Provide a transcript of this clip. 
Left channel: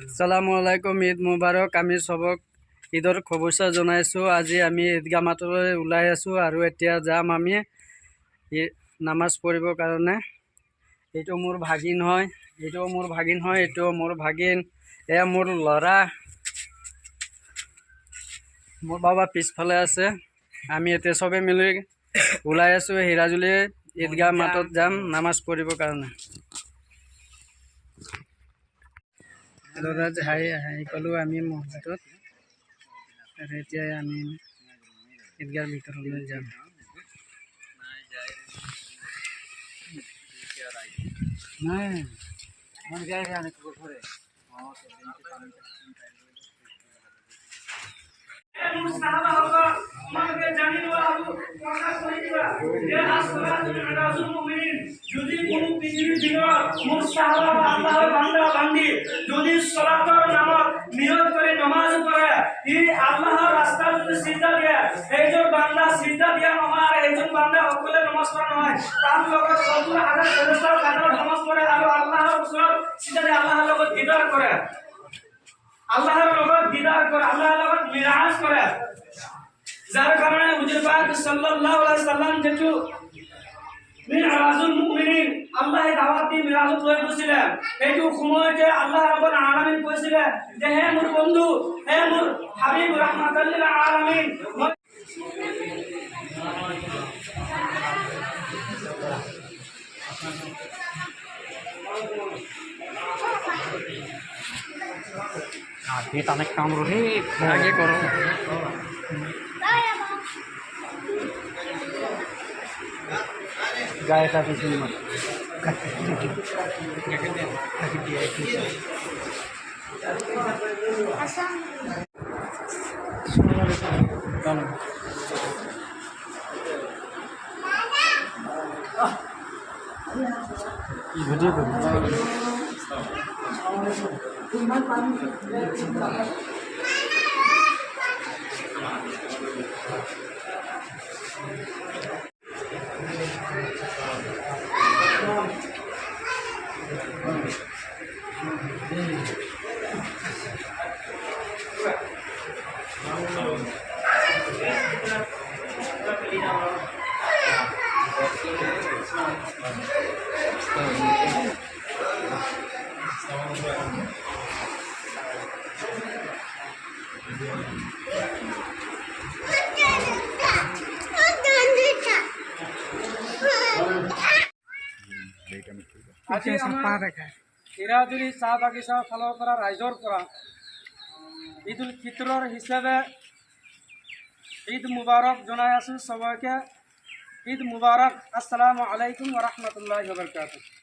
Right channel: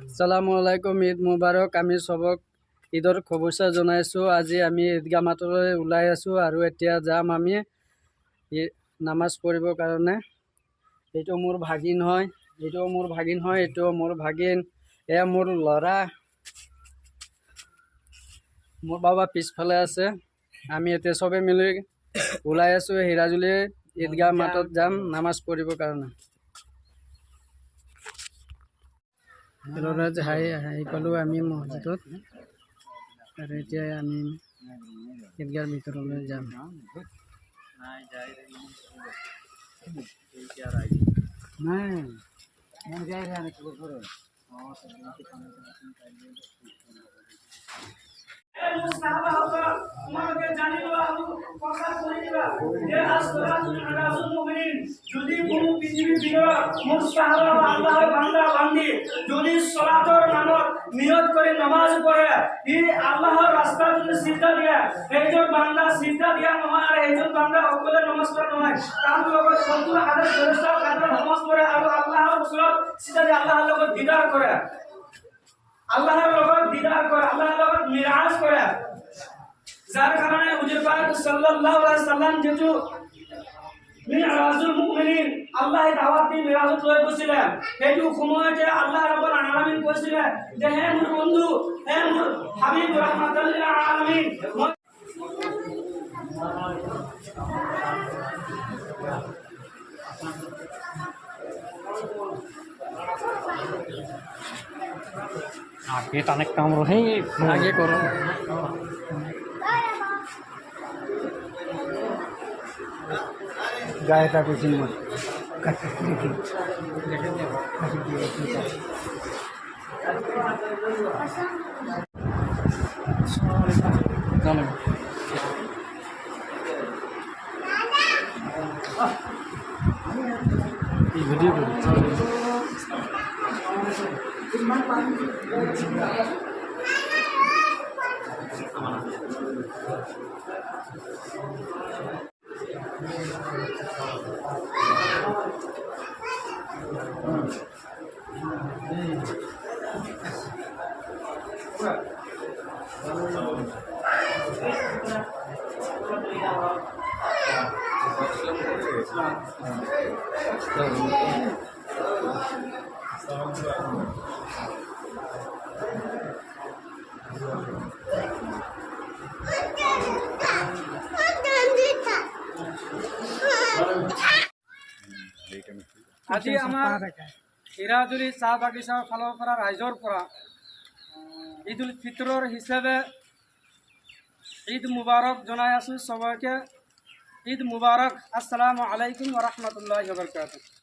আসসালামু আলাইকুম, ঈদ মুবাৰক। আমি চবক ঈদৰ শুভেচ্ছা জনাইছোঁ। আজি আমি ঈদগাহ মাতলৈ ওলাই আছোঁ আৰু এতিয়া যাম আমি নামাজ পঢ়িবৰ কাৰণে। এইটো মোৰ ভাগিন হয়, এইটোও মোৰ ভাগিন হয়, এইটোও মোৰ ভাগিন, এয়া মোৰ ল'ৰা, মোৰ বাবা পিছফালে আছে। আমি এতিয়া চবে মিলি ওলাই আছোঁ হিৰাজুলি ঈদগাহ মাতত যাম নামাজ পঢ়িবৰ কাৰণে। ল'ৰাজ হাই পালোঁ আমি মছজিদত, আৰু এতিয়া আমি ঈদগাহৰ ভিতৰলৈ যাম। যদি কোনো পৃথিবীৰ ভিতৰত মোৰ সাহাবা বা আল্লাহৰ বান্দা বান্দি যদি সালাতৰ নামত নিয়ত কৰি নামাজ পঢ়ে, ই আল্লাহৰ ৰাস্তাত যদি সিজদা দিয়ে, এইজন বান্দা সিজদা দিয়া নহয় আৰু এইজন বান্দা অকলে নামাজ পঢ়া নহয়, তাৰ লগত ৭০,০০০ ফেৰেশতা কাতৰত নামাজ পঢ়ে আৰু আল্লাহৰ ওচৰত সিজদা দিয়ে, আল্লাহৰ লগত দিদাৰ কৰে, আল্লাহৰ লগত দিদাৰ কৰে, আল্লাহৰ লগত মিৰাজ কৰে। যার কারণে হুজুর পাক সাল্লাল্লাহু আলাইহি সাল্লাম যেটু মিরাজুল মুমিনিন আল্লাহ দাওয়াত দি মিরাজত লৈ গৈছিলে, এইটো সময়তে আল্লাহ রাব্বুল আলামিন কৈছিলে যে হে মোৰ বন্ধু, হে মোৰ হাবিব রাহমাতাল লিল আলামিন, आगे टाने काम रहे आगे करो। गाय का कुछ नहीं वीडियो करो। আজি আমাৰ হিৰাজুলি চাহ বাগিচাৰ ফালৰ পৰা ৰাইজৰ পৰা ঈদ উল ফিতৰৰ হিচাপে ঈদ মুবাৰক জনাই আছোঁ। সবাইকে ঈদ মুবাৰক। আসসালামু আলাইকুম ওয়া ৰাহমাতুল্লাহি ওয়া বাৰাকাতুহু।